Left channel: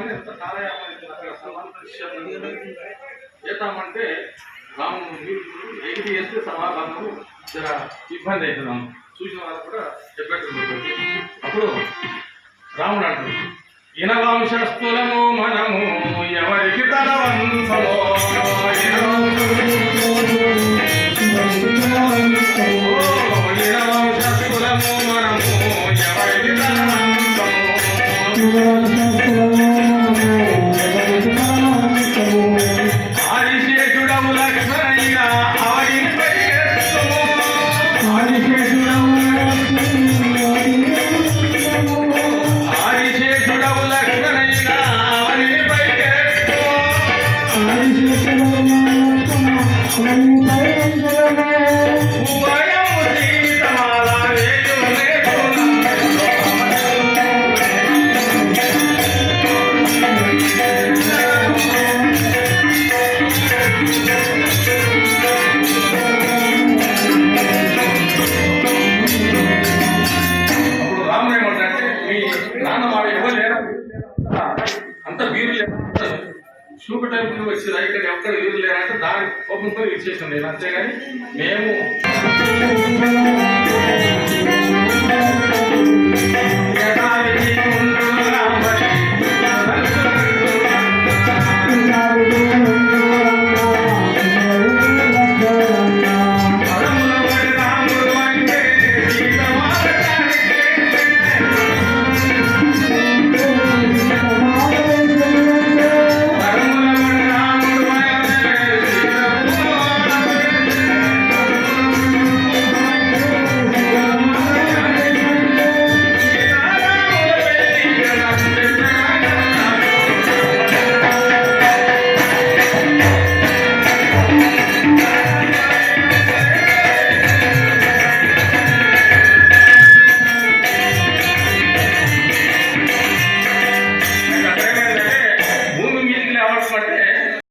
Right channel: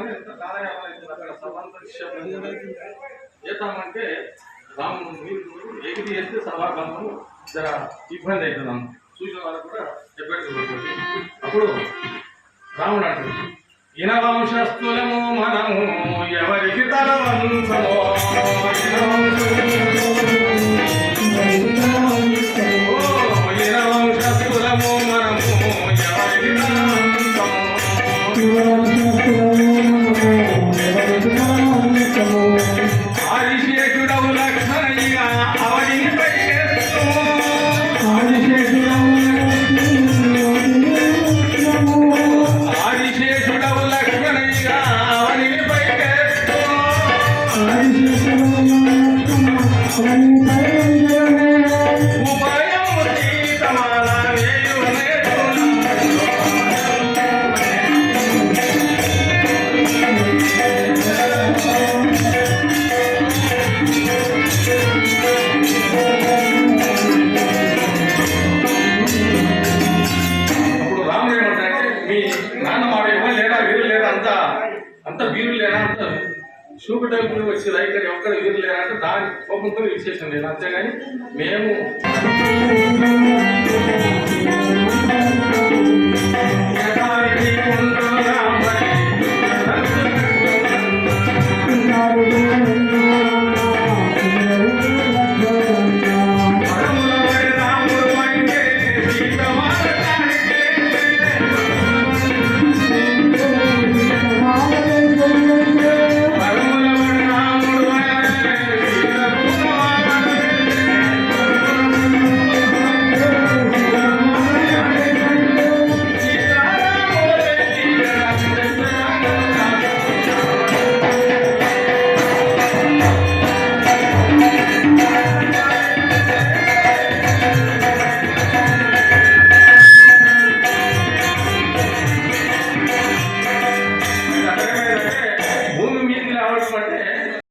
చేద్దామని ఎంత కాలయాపన అక్కడ సమాంతరిస్తామంటే చేద్దామంటే రాము ఏది చేస్తే సభాభంగం జర ఇబ్బంది అవుతున్నాం చూసిన వాళ్ళు కూడా చెప్పేది. అప్పుడు రాముడు అంటాడు, ఇనవంశస్థులము మనము ఎవరికి తలవంశమో ఇనవంశస్థులము మనము ఎవరికి తలవంశమో ఆదిశేషుడవు లక్ష్మణయ్య అవనిపై ఆదిశేషుడవు లక్ష్మణయ్య అవనిపై అంత వీరు లేనా అంత చూపటం వీరు వచ్చి రైట్ ఎక్కడ వీరు లేనా అంటే దాని కోపంతో ఇచ్చేసాం నేను, అంతేగాని మేము